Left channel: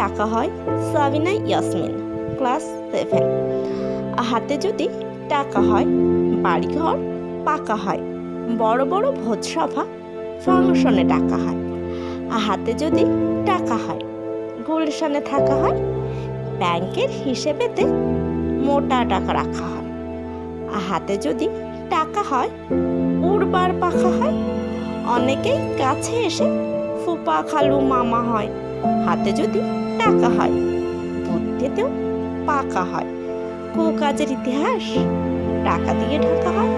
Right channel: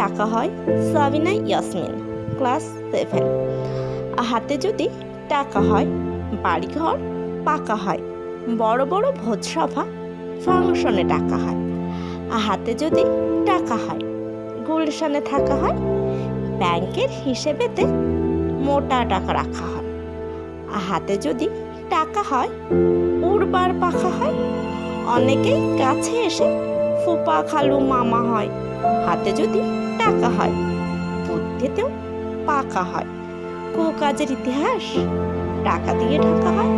টাকা হয় সাবিনা ইয়াসমিন, ক্লাস 7। হাতে যদি টাকা হয় বাড়িঘর পাকা হয়, বড় বড় ভোজসভা ফাংশনে টাকা হয়। হাতে যদি টাকা হয় গুলশানে থাকা হয়, ব্যাংকের হিসেবেতে মোটা টাকা রাখা হয়। হাতে যদি টাকা হয় উড়বার পাখা হয়, অনেকেই কাছে এসে ফুপা খালু মামা হয়। হাতে যদি টাকা হয় বুদ্ধিতেও পাকা হয়, কুকাজের ইতিহাস টাকা দিয়ে ঢাকা হয়।